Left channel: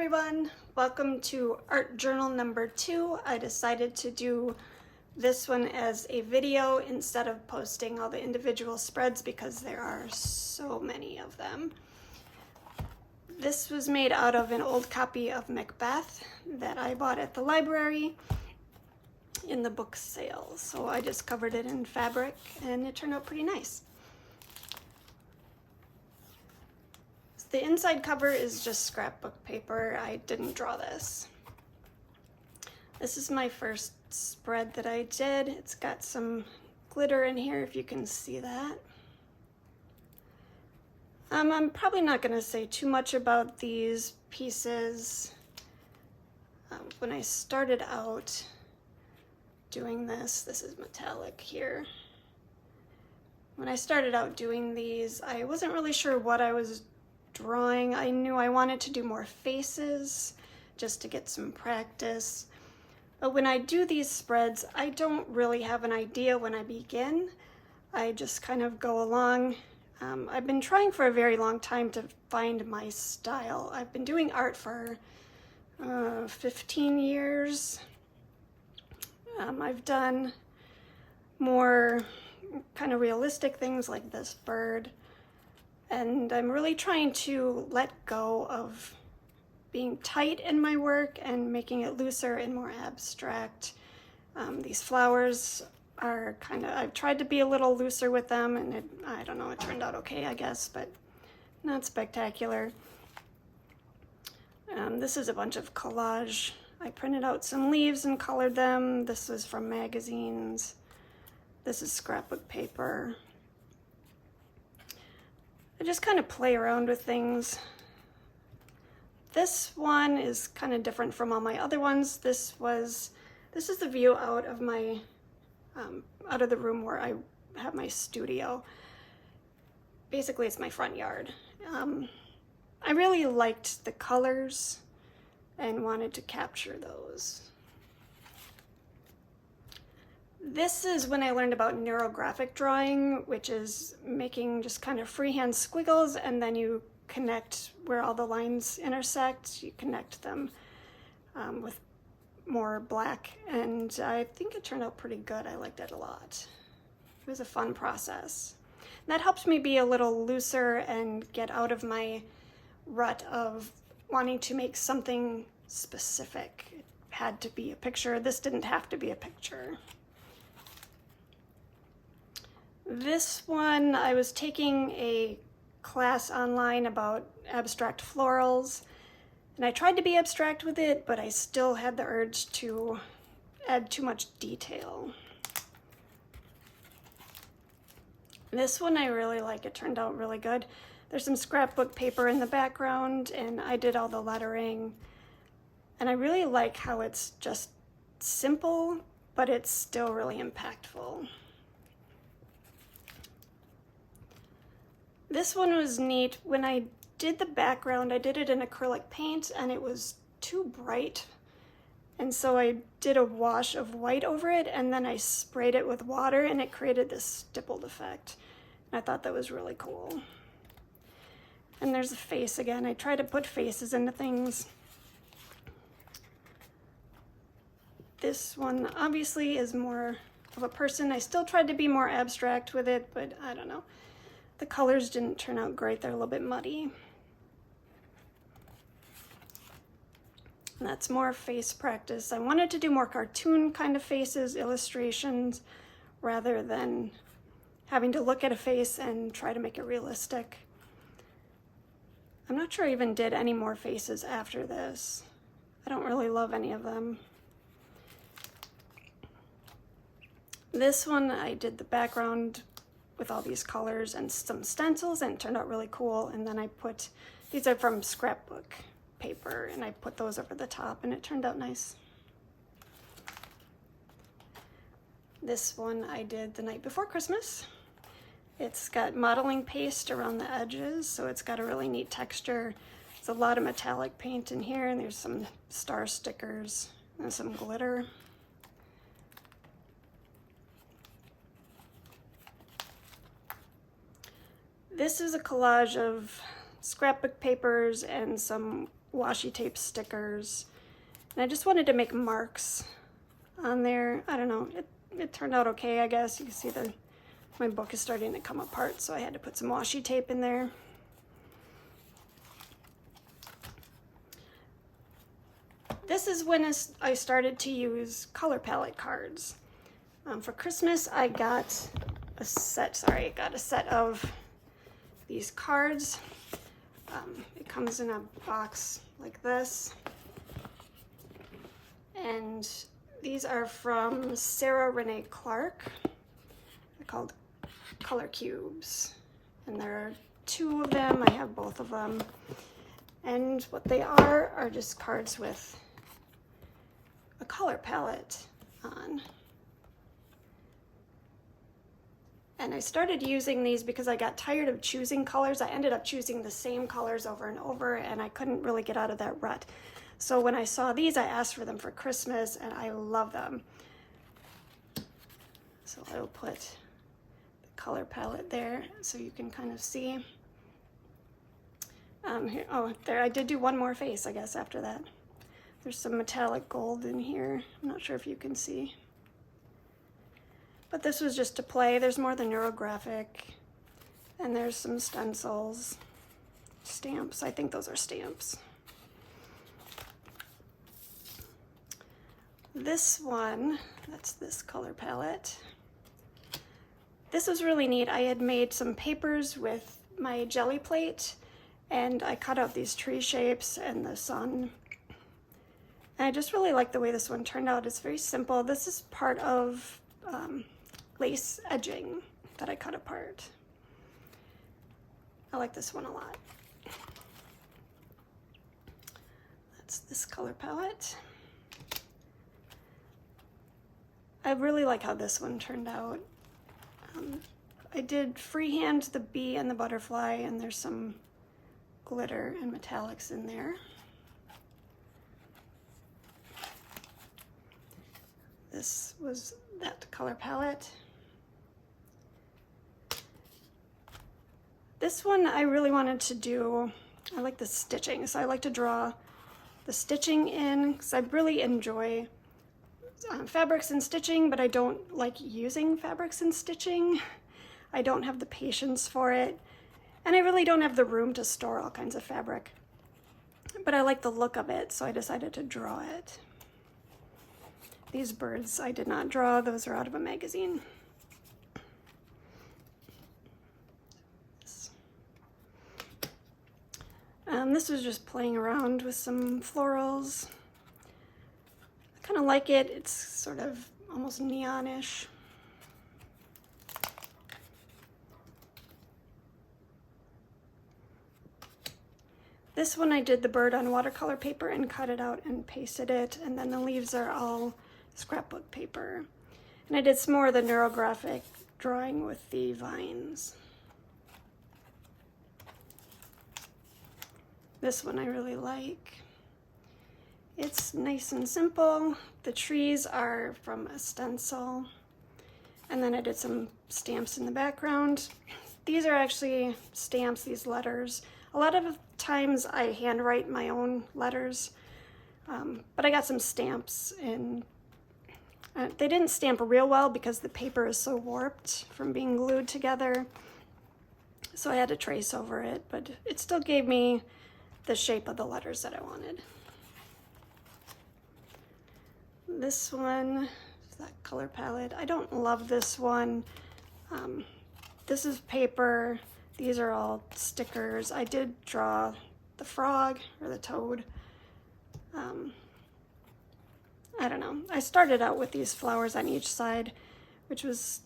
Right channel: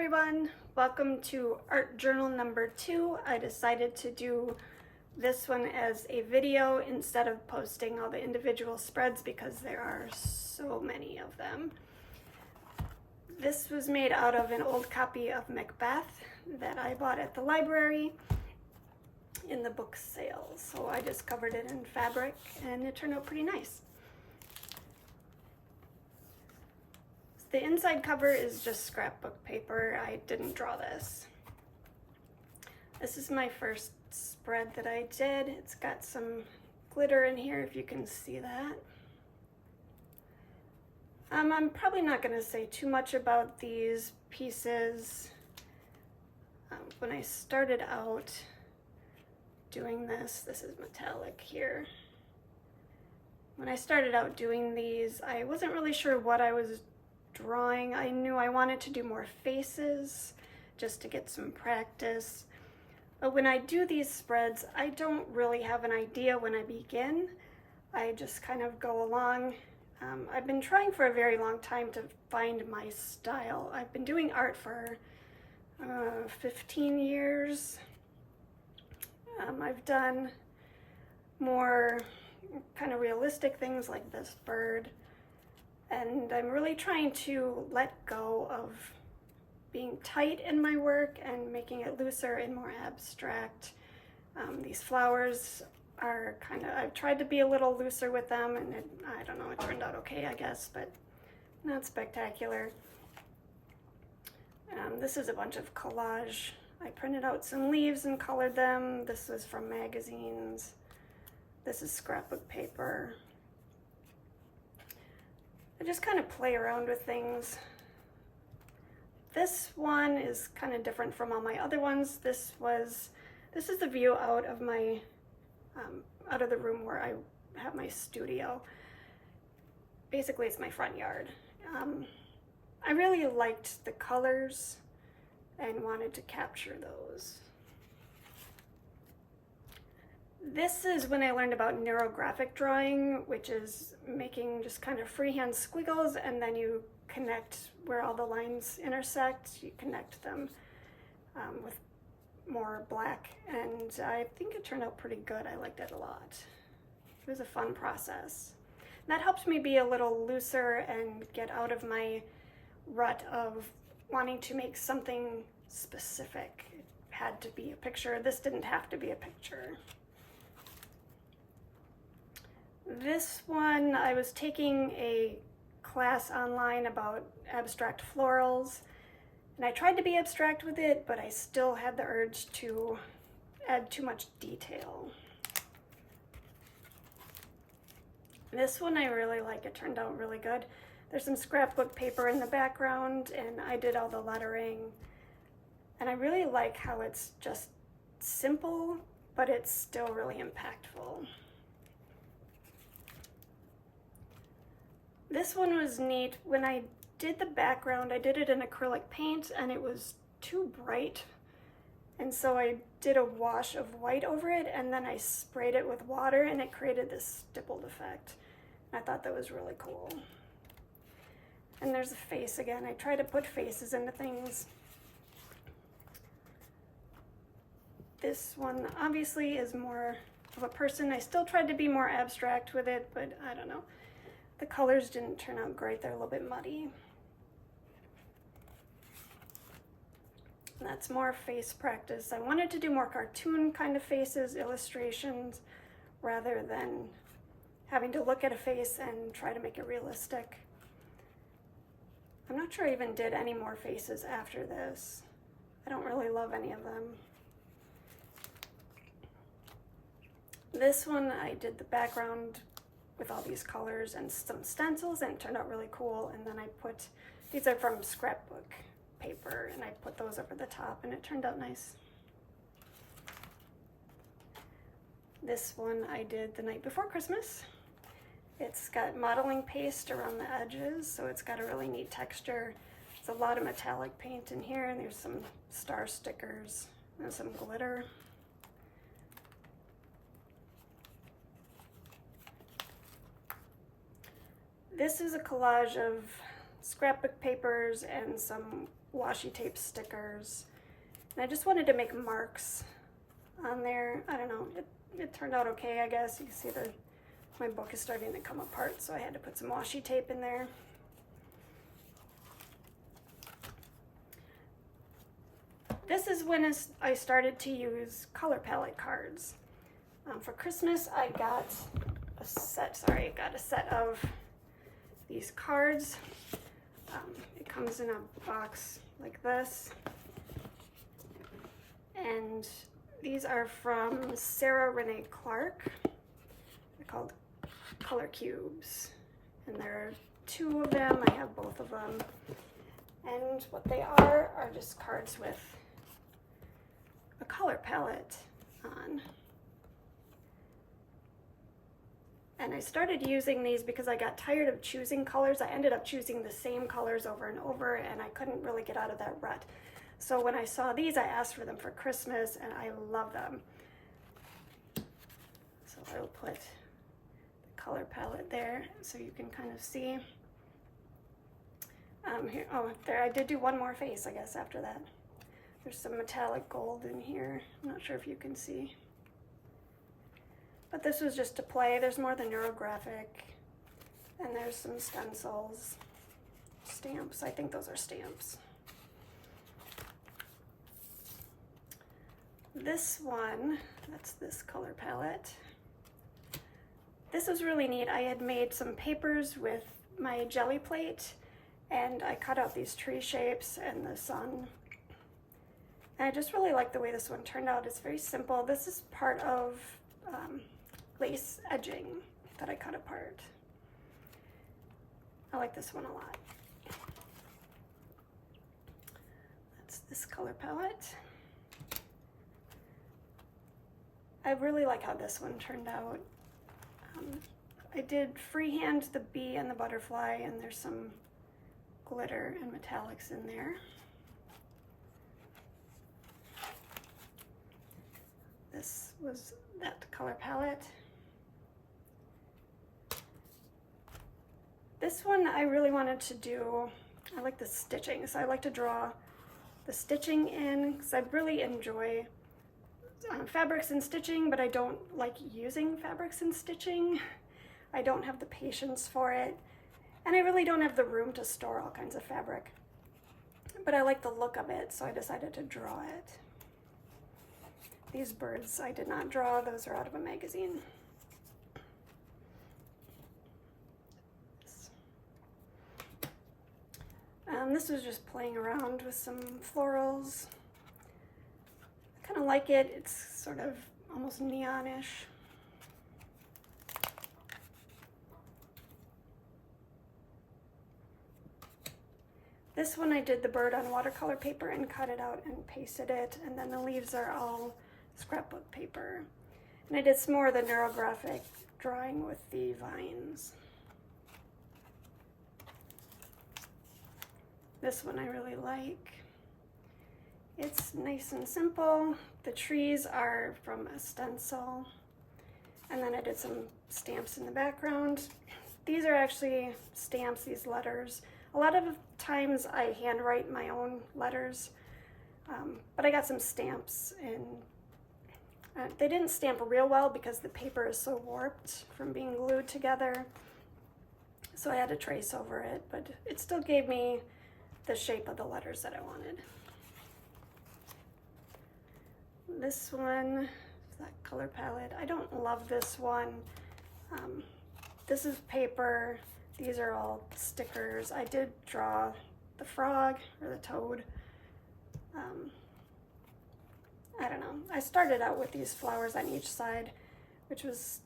everyone, welcome to art journal number 2. I decided to do this one as a video instead of posting all the individual spreads because there are so many of them. This was made out of an old copy of Macbeth that I bought at the library in the book sale. So I just covered it in fabric and it turned out pretty nice. The inside cover is just scrapbook paper. I didn't draw this. This is my first spread that I did. It's got some glitter in here if you can see that. I'm probably not going to say too much about these pieces. When I started out doing this is metallic here. When I started out doing these, I wasn't really sure what I was drawing. I knew I wanted to do more faces just to get some practice. But when I do these spreads, I don't really have an idea when I begin. I just kind of go along. I've been trying for a very long time to find my style. I've been doing art for 15 years. I've done more kind of realistic things like this bird. And I'm really trying to let go of being tight in my work and making it looser and more abstract. These flowers are I've tried to be a little looser with them, and I don't know, it turned out okay, I guess, but not spectacular. This is a bunch of collage. I printed out some leaves and colored them. This is from magazines. This is scrapbook paper. I just kind of play around with things. This one is kind of different from all my other ones. This is the view out of my out of the room where I have my studio. Basically, it's my front yard. I really liked the colors and wanted to capture those. This is when I learned about neurographic drawing, which is making just kind of freehand squiggles, and then you connect where all the lines intersect. You connect them with more black, and I think it turned out pretty good. I liked it a lot. It was a fun process. And that helps me be a little looser and get out of my rut of wanting to make something specific. It had to be a picture. This didn't have to be a picture. This one, I was taking a class online about abstract florals, and I tried to be abstract with it, but I still had the urge to add too much detail. This one I really like. It turned out really good. There's some scrapbook paper in the background, and I did all the lettering, and I really like how it's just simple, but it's still really impactful. This one was neat. When I did the background, I did it in acrylic paint and it was too bright. And so I did a wash of white over it, and then I sprayed it with water and it created this stippled effect. And I thought that was really cool. And there's a face again. I try to put faces into things. This one obviously is more of a person. I still tried to be more abstract with it, but I don't know. The colors didn't turn out great. They're a little bit muddy. And that's more face practice. I wanted to do more cartoon kind of faces, illustrations, rather than having to look at a face and try to make it realistic. I'm not sure I even did any more faces after this. I don't really love any of them. This one, I did the background with all these colors and some stencils, and it turned out really cool. And then I put, these are from scrapbook paper, and I put those over the top and it turned out nice. This one I did the night before Christmas. It's got modeling paste around the edges, so it's got a really neat texture. There's a lot of metallic paint in here, and there's some star stickers and some glitter. This is a collage of scrapbook papers and some washi tape stickers. And I just wanted to make marks on there. I don't know, it turned out okay, I guess. You can see my book is starting to come apart, so I had to put some washi tape in there. This is when I started to use color palette cards. For Christmas, I got a set of these cards. It comes in a box like this. And these are from Sarah Renee Clark. They're called Color Cubes. And there are 2 of them. I have both of them. And what they are just cards with a color palette on. And I started using these because I got tired of choosing colors. I ended up choosing the same colors over and over, and I couldn't really get out of that rut. So when I saw these, I asked for them for Christmas, and I love them. So I will put the color palette there so you can kind of see. Here, oh, there, I did do one more face, I guess, after that. There's some metallic gold in here. I'm not sure if you can see. But this was just to play. There's more than Neurographic. And there's some stencils, stamps. I think those are stamps. This one, that's this color palette. This was really neat. I had made some papers with my jelly plate, and I cut out these tree shapes and the sun. And I just really like the way this one turned out. It's very simple. This is part of lace edging that I cut apart. I like this one a lot. That's this color palette. I really like how this one turned out. I did freehand the bee and the butterfly, and there's some glitter and metallics in there. This was that color palette. This one I really wanted to do, I like the stitching, so I like to draw the stitching in because I really enjoy fabrics and stitching, but I don't like using fabrics and stitching. I don't have the patience for it, and I really don't have the room to store all kinds of fabric. But I like the look of it, so I decided to draw it. These birds I did not draw, those are out of a magazine. This was just playing around with some florals. I kind of like it. It's sort of almost neonish. This one I did the bird on watercolor paper and cut it out and pasted it, and then the leaves are all scrapbook paper. And I did some more of the Neurographic drawing with the vines. This one I really like. It's nice and simple. The trees are from a stencil. And then I did some stamps in the background. These are actually stamps, these letters. A lot of times I handwrite my own letters, but I got some stamps, and they didn't stamp real well because the paper is so warped from being glued together. So I had to trace over it, but it still gave me the shape of the letters that I wanted. This one, that color palette, I don't love this one. This is paper. These are all stickers. I did draw the frog or the toad. I don't know. I started out with these flowers on each side, which was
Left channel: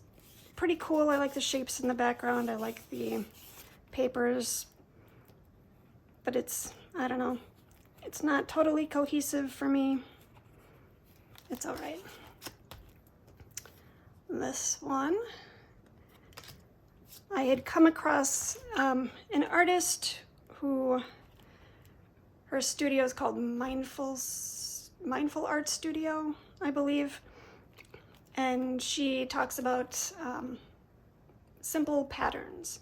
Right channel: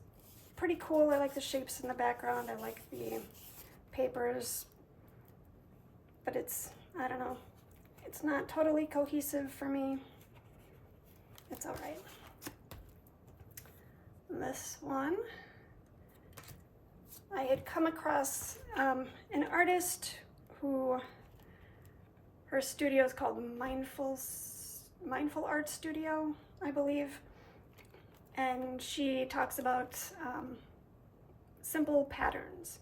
pretty cool. I like the shapes in the background. I like the papers, but it's, I don't know, it's not totally cohesive for me. It's all right. This one, I had come across an artist who, her studio is called Mindful Art Studio, I believe, and she talks about simple patterns.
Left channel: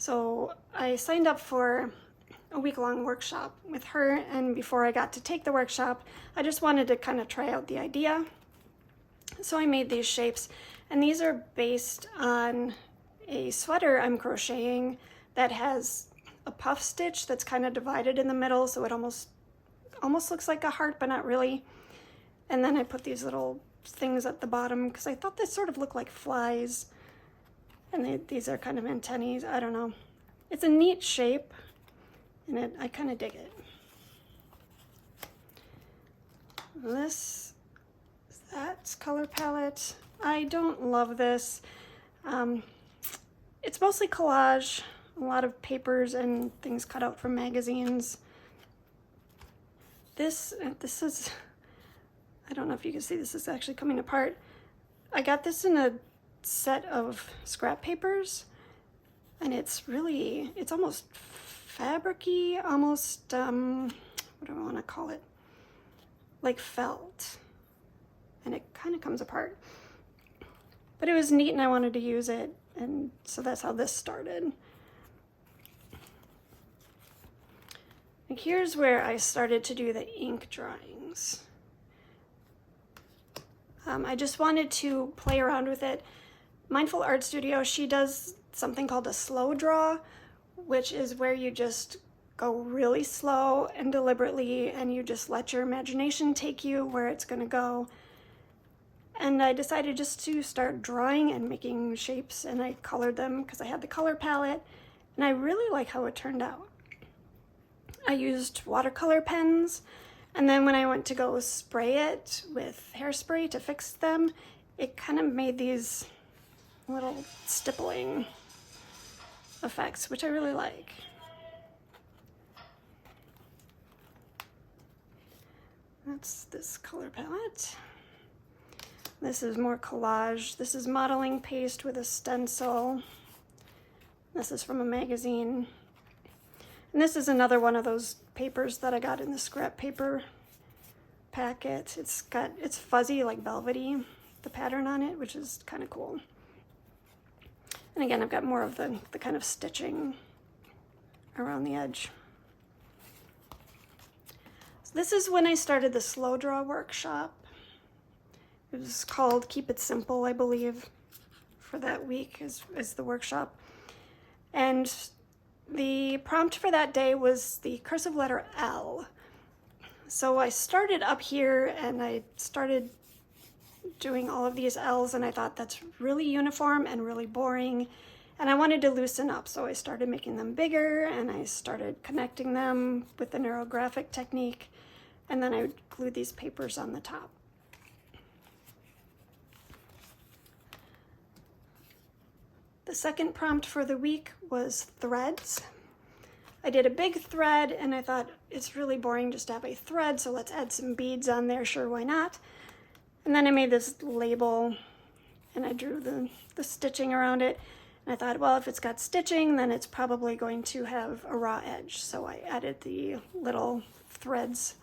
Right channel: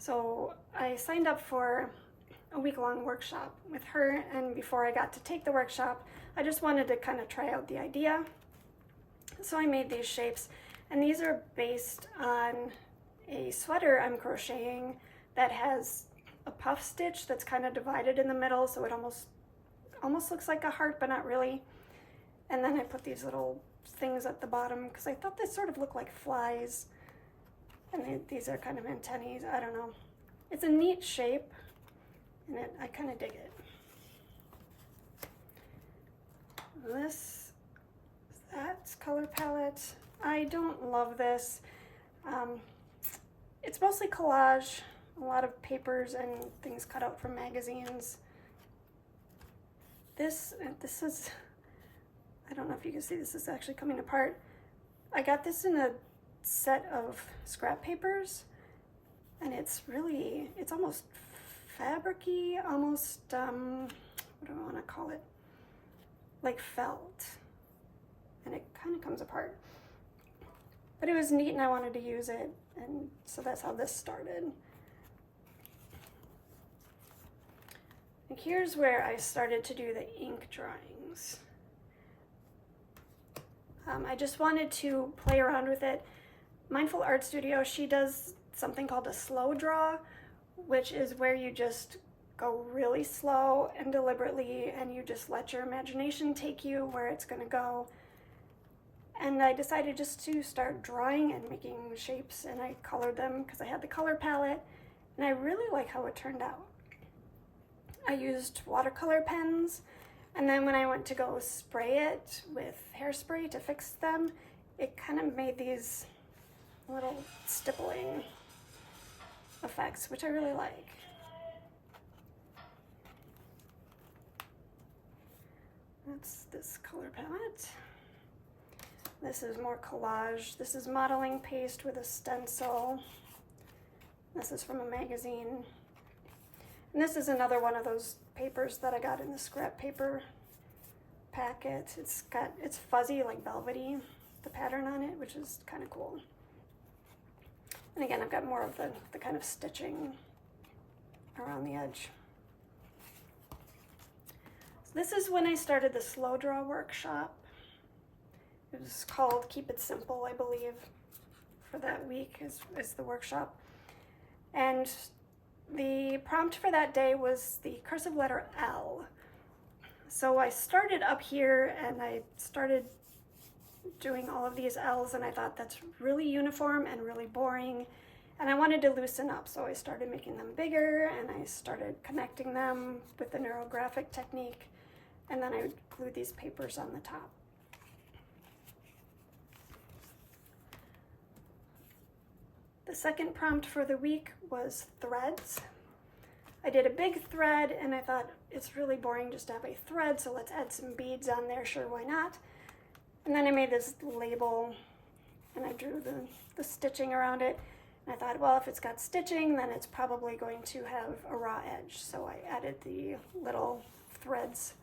So I signed up for a week-long workshop with her, and before I got to take the workshop, I just wanted to kind of try out the idea. So I made these shapes, and these are based on a sweater I'm crocheting that has a puff stitch that's kind of divided in the middle, so it almost looks like a heart, but not really. And then I put these little things at the bottom because I thought they sort of look like flies, and these are kind of antennae. I don't know. It's a neat shape, and I kind of dig it. That's color palette. I don't love this. It's mostly collage, a lot of papers and things cut out from magazines. This is, I don't know if you can see, this is actually coming apart. I got this in a set of scrap papers, and it's almost fabric-y, almost, what do I want to call it? Like felt. And it kind of comes apart. But it was neat and I wanted to use it, and so that's how this started. And here's where I started to do the ink drawings. I just wanted to play around with it. Mindful Art Studio, she does something called a slow draw, which is where you just go really slow and deliberately, and you just let your imagination take you where it's going to go. And I decided just to start drawing and making shapes, and I colored them because I had the color palette, and I really like how it turned out. I used watercolor pens, and then when I went to go spray it with hairspray to fix them, it kind of made these little stippling effects, which I really like. That's this color palette. This is more collage. This is modeling paste with a stencil. This is from a magazine. And this is another one of those papers that I got in the scrap paper packet. It's fuzzy, like velvety, the pattern on it, which is kind of cool. And again, I've got more of the kind of stitching around the edge. So this is when I started the slow draw workshop. It was called Keep It Simple, I believe, for that week is the workshop. And the prompt for that day was the cursive letter L. So I started up here and I started doing all of these L's, and I thought that's really uniform and really boring, and I wanted to loosen up. So I started making them bigger, and I started connecting them with the neurographic technique, and then I glued these papers on the top. The second prompt for the week was threads. I did a big thread, and I thought it's really boring just to have a thread, so let's add some beads on there, sure, why not? And then I made this label, and I drew the stitching around it, and I thought, well, if it's got stitching, then it's probably going to have a raw edge, so I added the little threads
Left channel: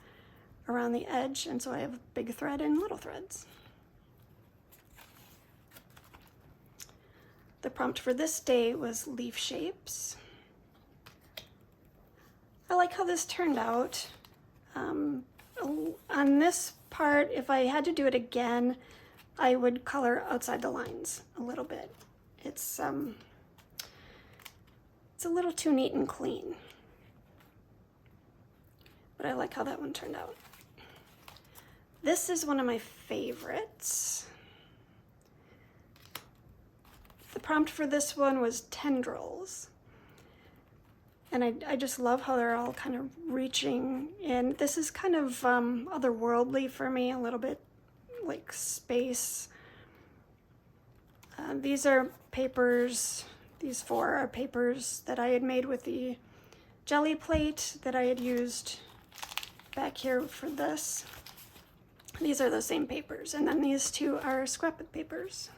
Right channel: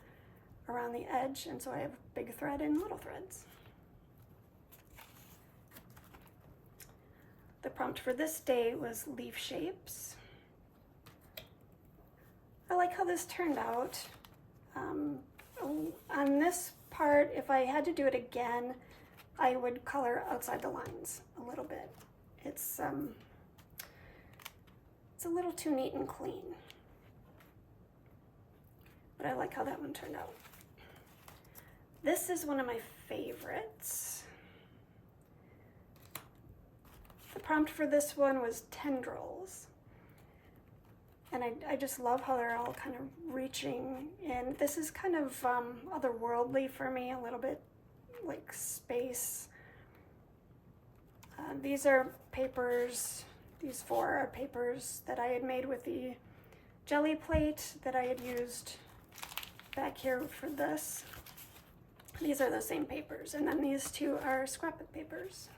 around the edge, and so I have big thread and little threads. The prompt for this day was leaf shapes. I like how this turned out. On this part, if I had to do it again, I would color outside the lines a little bit. It's a little too neat and clean, but I like how that one turned out. This is one of my favorites. The prompt for this one was tendrils. And I just love how they're all kind of reaching in. This is kind of otherworldly for me, a little bit like space. These are papers, these 4 are papers that I had made with the jelly plate that I had used back here for this. These are the same papers, and then these 2 are scrapbook papers.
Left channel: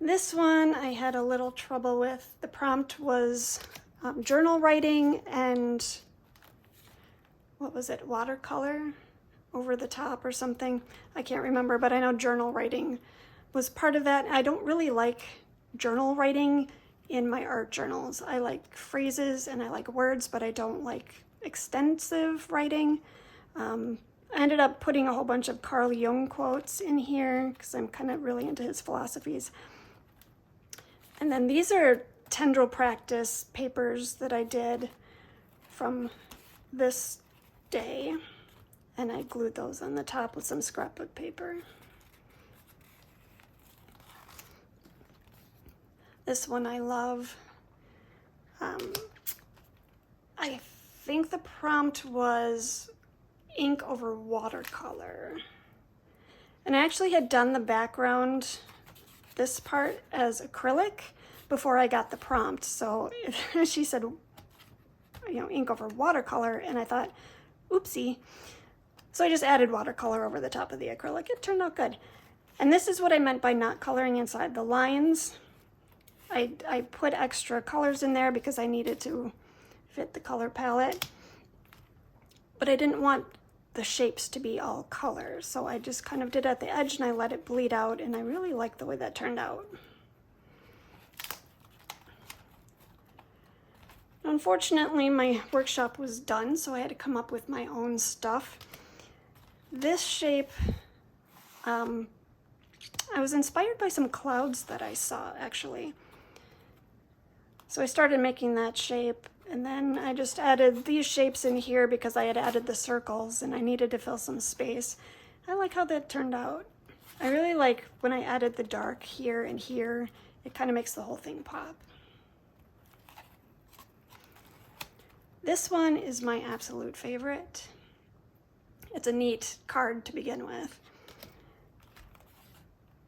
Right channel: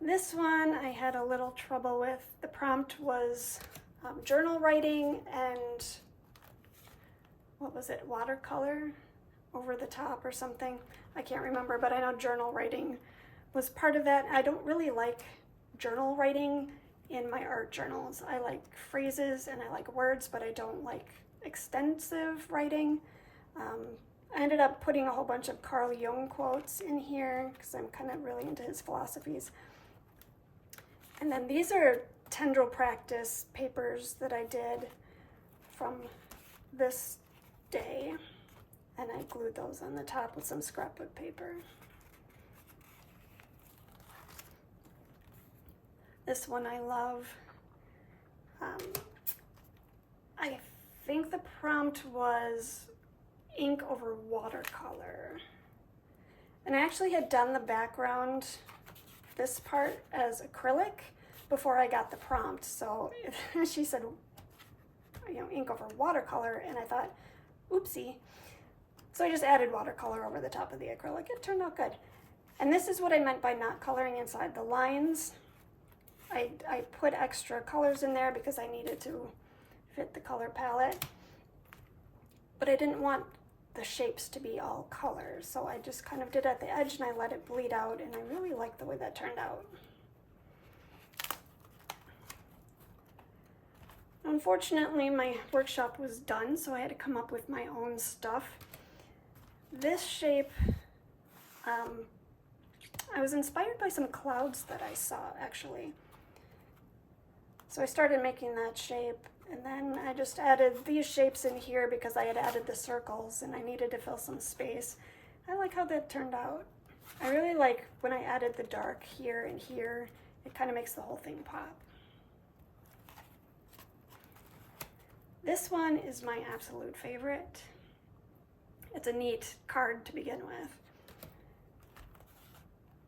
This one I had a little trouble with. The prompt was journal writing and, what was it, watercolor over the top or something. I can't remember, but I know journal writing was part of that. I don't really like journal writing in my art journals. I like phrases and I like words, but I don't like extensive writing. I ended up putting a whole bunch of Carl Jung quotes in here because I'm kind of really into his philosophies. And then these are tendril practice papers that I did from this day, and I glued those on the top with some scrapbook paper. This one I love. I think the prompt was ink over watercolor. And I actually had done the background, this part, as acrylic before I got the prompt. So she said, you know, ink over watercolor, and I thought, oopsie. So I just added watercolor over the top of the acrylic. It turned out good. And this is what I meant by not coloring inside the lines. I put extra colors in there because I needed to fit the color palette, but I didn't want the shapes to be all colors, so I just kind of did at the edge and I let it bleed out, and I really like the way that turned out. Unfortunately, my workshop was done, so I had to come up with my own stuff. This shape, I was inspired by some clouds that I saw, actually. So I started making that shape, and then I just added these shapes in here because I had added the circles and I needed to fill some space. I like how that turned out. I really like when I added the dark here and here. It kind of makes the whole thing pop. This one is my absolute favorite. It's a neat card to begin with.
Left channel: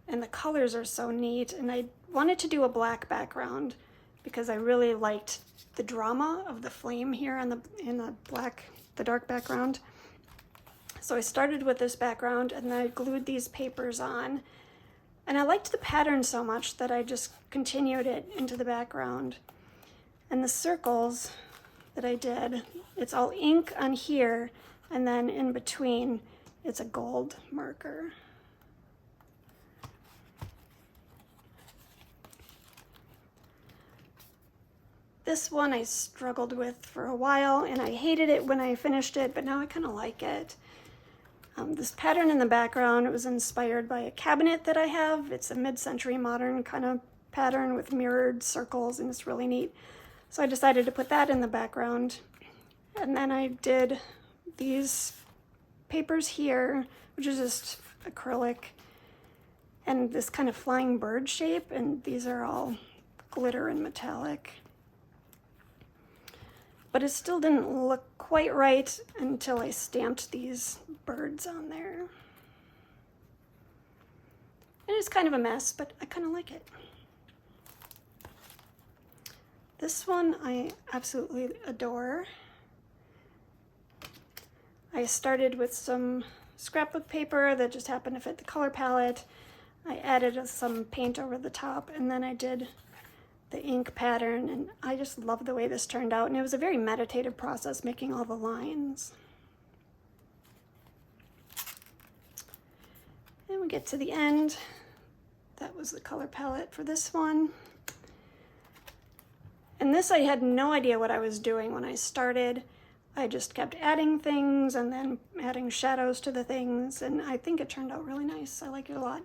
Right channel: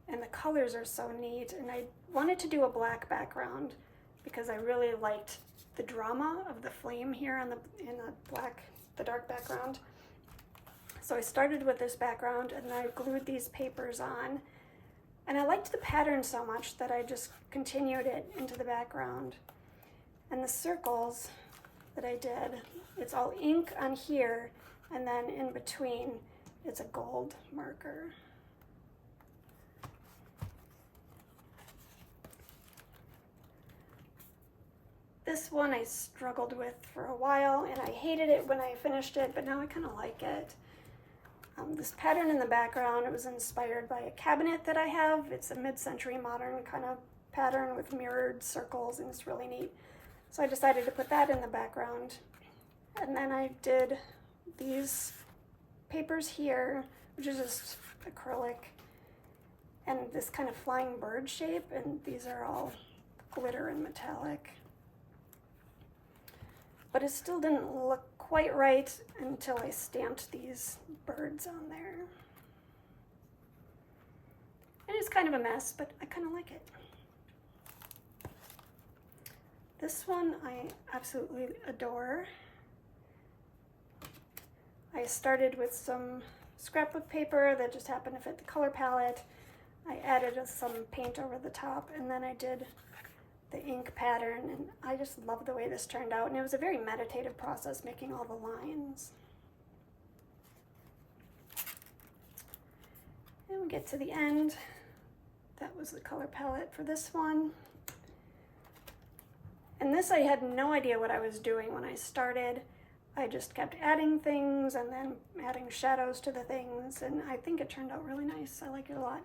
And the colors are so neat, and I wanted to do a black background because I really liked the drama of the flame here in the dark background. So I started with this background and then I glued these papers on. And I liked the pattern so much that I just continued it into the background. And the circles that I did, it's all ink on here, and then in between it's a gold marker. This one I struggled with for a while, and I hated it when I finished it, but now I kind of like it. This pattern in the background, it was inspired by a cabinet that I have. It's a mid-century modern kind of pattern with mirrored circles, and it's really neat. So I decided to put that in the background. And then I did these papers here, which is just acrylic, and this kind of flying bird shape, and these are all glitter and metallic. But it still didn't look quite right until I stamped these birds on there. It is kind of a mess, but I kind of like it. This one I absolutely adore. I started with some scrapbook paper that just happened to fit the color palette. I added some paint over the top, and then I did the ink pattern, and I just love the way this turned out, and it was a very meditative process making all the lines. Then we get to the end. That was the color palette for this one. And this, I had no idea what I was doing when I started. I just kept adding things and then adding shadows to the things, and I think it turned out really nice. I like it a lot.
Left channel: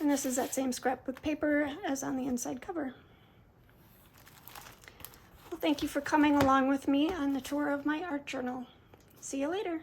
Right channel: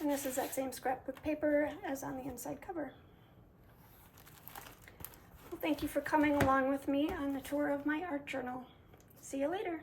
And this is that same scrapbook paper as on the inside cover. Well, thank you for coming along with me on the tour of my art journal. See you later.